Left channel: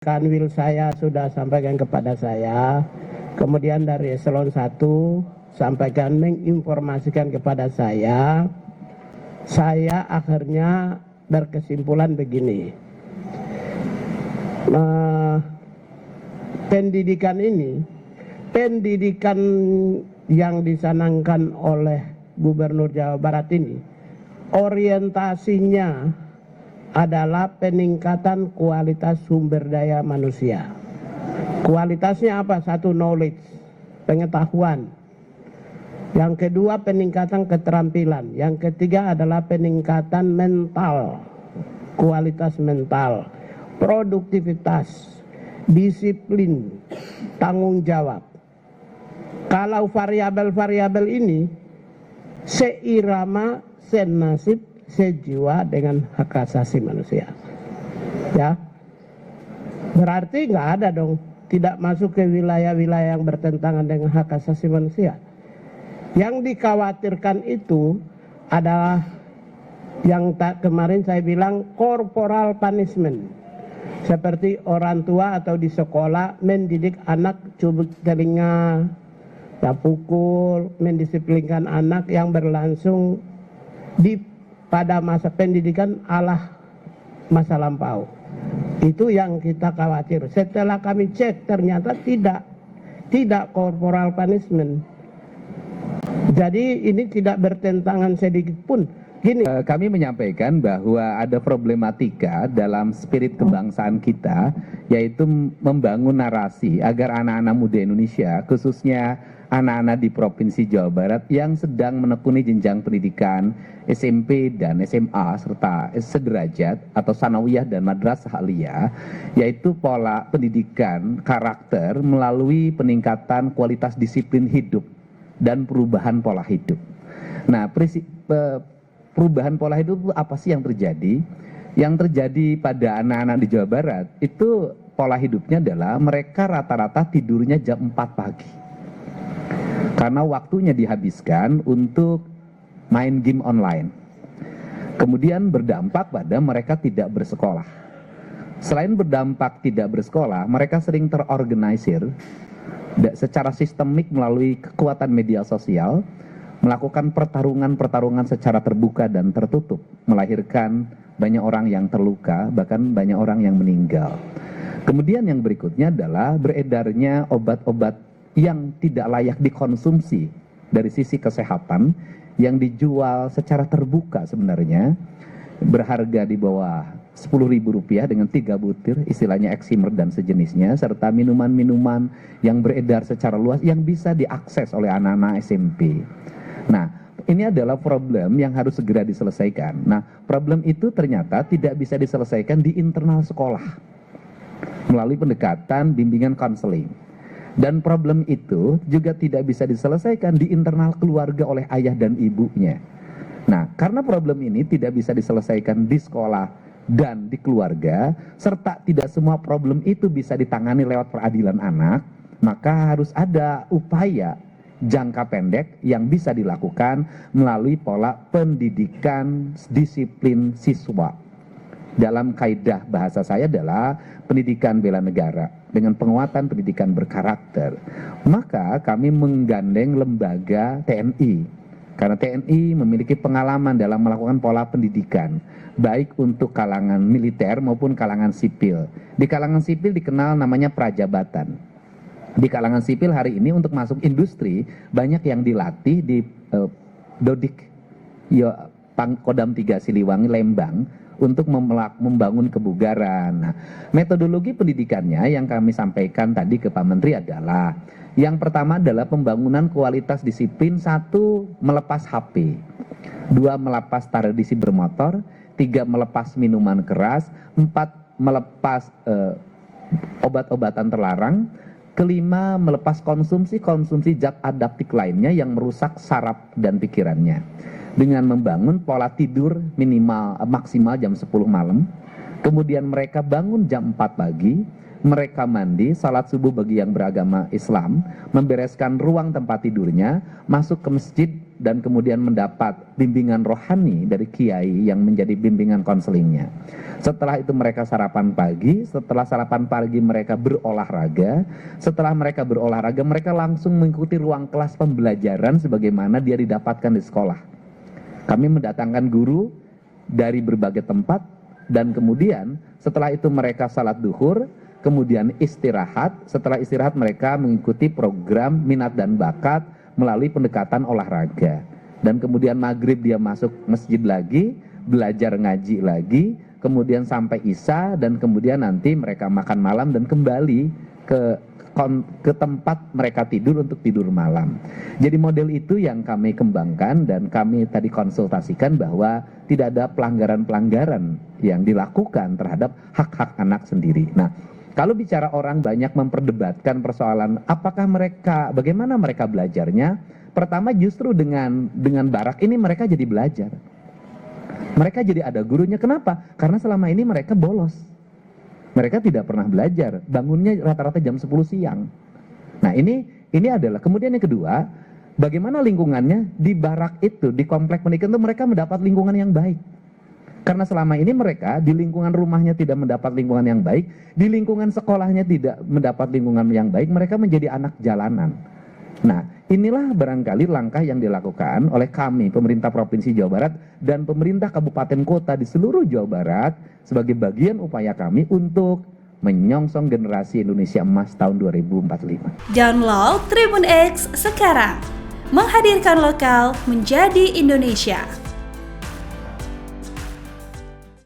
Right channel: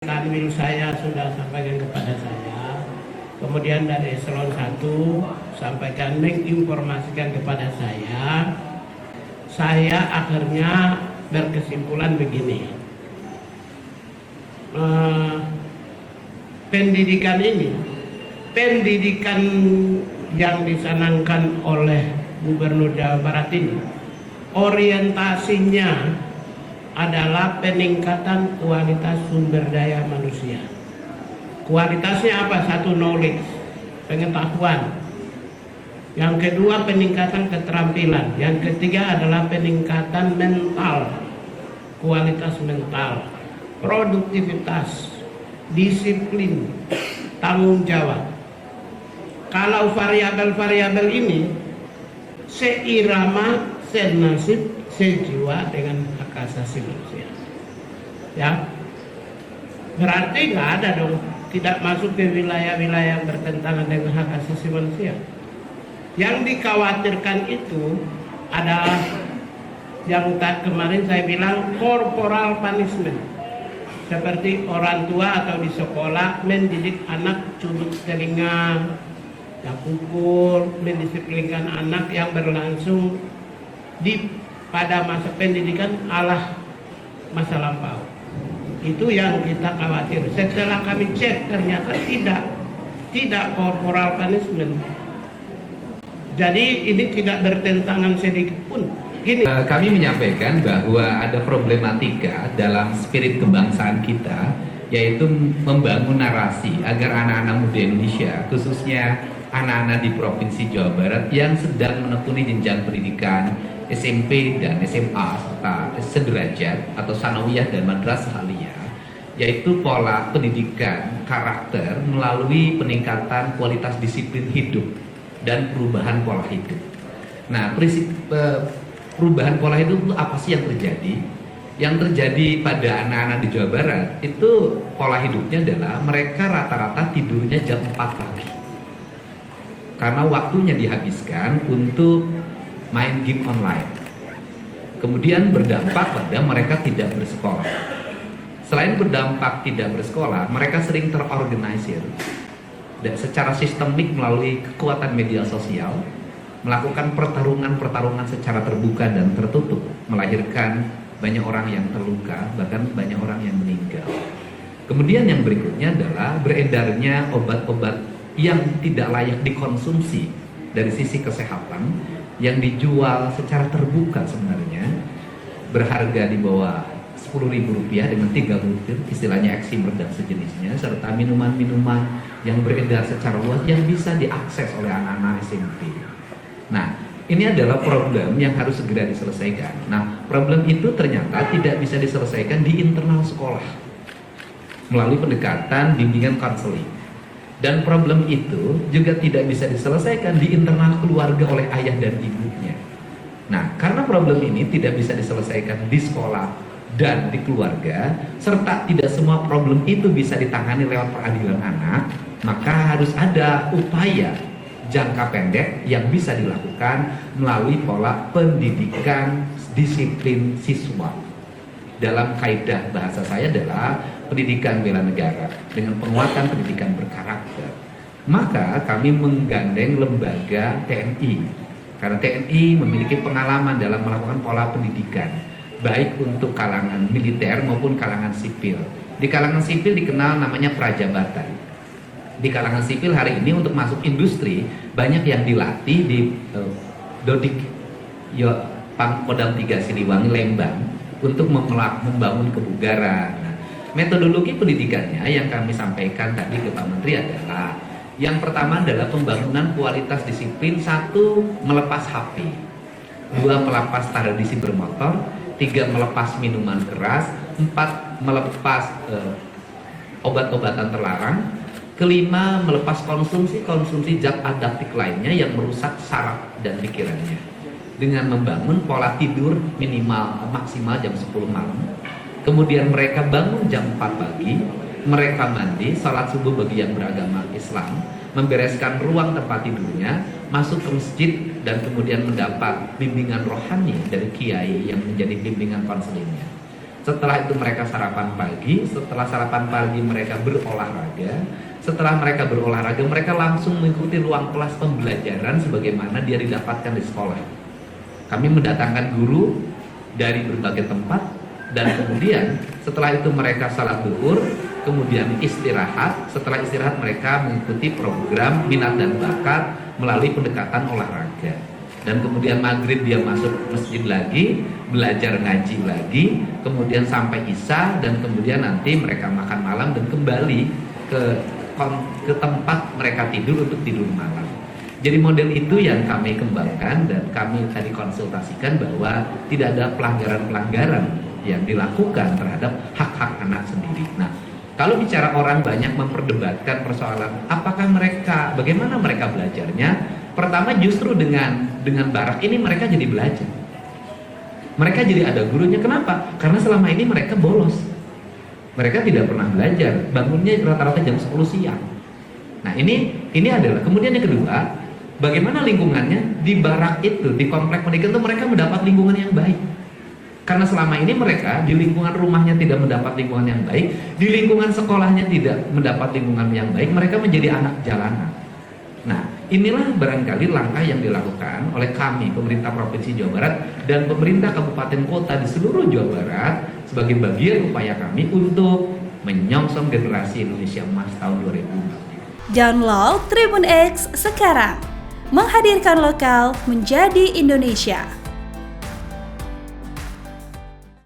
Kanwil saya sudah sampaikan kepada saya, kemudian dari eselon 1 sampaikan menginformasikan kepada saya akhirnya berkesimpulan begini. Pendidikan yang dicanangkan oleh Gubernur Jawa Barat ini, orientasinya adalah peningkatan kualitas sumber daya manusia. Kualitasnya apa? Satu, knowledge, pengetahuan. Yang kedua, peningkatan keterampilan. Yang ketiga adalah peningkatan mental, kualitas mental, produktivitas, disiplin, tanggung jawab. Kalau variabel-variabel ini seirama, senasib, sejiwa dengan hak asasi manusia, ya, berarti nggak ada dong, tidak masuk ke wilayah-wilayah yang bertentangan dengan hak asasi manusia. Yang dikhawatirkan itu adalah yang kemarin saya bilang corporal punishment, seperti orang tua atau di sekolah mendidik anak cubit telinga, pukul, mendisiplinkan anak yang berlangsung pada masa pendidikan ala masa lampau. Itu yang kita khawatir. Setelah kami cek ternyata tidak corporal punishment. Jadi ini tidak bertentangan sedikit pun. Gini, kami menyampaikan bahwa ada problematika dalam spirit kebangsaan kita, yaitu membangun narasi agar anak-anak muda Indonesia, khususnya anak-anak di Provinsi Jawa Barat yang sedang menekuni jenjang pendidikan SMP dan SMA serta sederajat atau sanawiyah dan madrasah aliyah, yaitu pola pendidikan karakter melalui peningkatan kualitas disiplin hidup dan perubahan pola hidup. Nah, prinsip perubahan pola hidup itu apa sih yang terjadi? Yang terjadi pada anak-anak di Jawa Barat itu pola hidupnya adalah mereka rata-rata tidurnya jam 4 pagi. Karena waktunya dihabiskan untuk main game online. Kemudian berdampak pada mereka tidak bersekolah. Selain berdampak tidak bersekolah, mereka sering terorganisir secara sistemik melalui kekuatan media sosial, melakukan pertarungan-pertarungan secara terbuka dan tertutup, melahirkan banyak orang yang terluka, bahkan banyak orang yang meninggal. Kemudian yang berikutnya adalah beredarnya obat-obat yang tidak layak dikonsumsi dari sisi kesehatan, yang dijual secara terbuka sebenarnya, berharga di bawah Rp10.000 dengan 3 butir, istilahnya eksimer dan sejenisnya, serta minuman-minuman yang beredar secara luas yang bisa diakses oleh anak-anak SMP. Nah, ini adalah problem yang harus segera diselesaikan. Nah, problem itu ternyata tidak bisa diselesaikan di internal sekolah melalui pendekatan bimbingan konseling. Dan problem itu juga tidak bisa diselesaikan di internal keluarga oleh ayah dan ibunya. Nah, karena problem ini tidak bisa diselesaikan di sekolah dan di keluarga, serta tidak semua problem itu bisa ditangani lewat peradilan anak, maka harus ada upaya jangka pendek yang bisa dilakukan melalui pola pendidikan disiplin siswa. Dalam kaidah bahasa saya adalah pendidikan bela negara dengan penguatan pendidikan berkarakter. Maka kami menggandeng lembaga TNI, karena TNI memiliki pengalaman dalam melakukan pola pendidikan baik untuk kalangan militer maupun kalangan sipil. Di kalangan sipil dikenal namanya prajabatan. Di kalangan sipil hari ini untuk masuk industri banyak yang dilatih di Dodik Pangkodam 3 Siliwangi, Lembang, untuk membangun kebugaran. Nah, metodologi pendidikannya yang kami sampaikan tadi ke Pak Menteri adalah, yang pertama adalah pembangunan kualitas disiplin. 1, melepas HP. 2, melepas tradisi bermotor. 3, melepas minuman keras. 4, melepas obat-obatan terlarang. Kelima, melepas konsumsi zat adaptif lainnya yang merusak saraf dan pikirannya, dengan membangun pola tidur maksimal jam 10 malam. Kemudian mereka bangun jam 4 pagi, mereka mandi, salat subuh bagi yang beragama Islam, membereskan ruang tempat tidurnya, masuk ke masjid, dan kemudian mendapat bimbingan rohani dari kiai yang menjadi bimbingan konselingnya. Setelah itu mereka sarapan pagi, setelah sarapan pagi mereka berolahraga, setelah mereka berolahraga mereka langsung mengikuti ruang kelas pembelajaran sebagaimana dia didapatkan di sekolah. Kami mendatangkan guru dari berbagai tempat dan kemudian setelah itu mereka salat duhur, kemudian istirahat. Setelah istirahat mereka mengikuti program minat dan bakat melalui pendekatan olahraga. Dan kemudian maghrib dia masuk masjid lagi, belajar ngaji lagi, kemudian sampai isya dan kemudian nanti mereka makan malam dan kembali ke tempat mereka tidur untuk tidur malam. Jadi model itu yang kami kembangkan dan kami tadi konsultasikan bahwa tidak ada pelanggaran-pelanggaran yang dilakukan terhadap hak-hak anak sendiri. Nah, kalau bicara orang banyak memperdebatkan persoalan apakah mereka, bagaimana mereka belajarnya, pertama justru dengan barak ini mereka jadi belajar. Mereka jadi ada gurunya. Kenapa? Karena selama ini mereka bolos. Mereka tidak pernah belajar. Bangunnya rata-rata jam 10 siang. Nah ini adalah. Kemudian yang kedua, bagaimana lingkungannya di barak itu, di komplek pendidikan itu mereka mendapat lingkungan yang baik. Karena selama ini mereka di lingkungan rumahnya tidak mendapat lingkungan yang baik, di lingkungan sekolahnya tidak mendapat lingkungan yang baik, mereka menjadi anak jalanan. Nah, inilah barangkali langkah yang dilakukan oleh kami, pemerintah Provinsi Jawa Barat dan pemerintah kabupaten kota di seluruh Jawa Barat sebagai bagian upaya kami untuk menyongsong generasi Indonesia Emas tahun 2045. Download Tribun X sekarang, menghadirkan lokal menjadi Indonesia.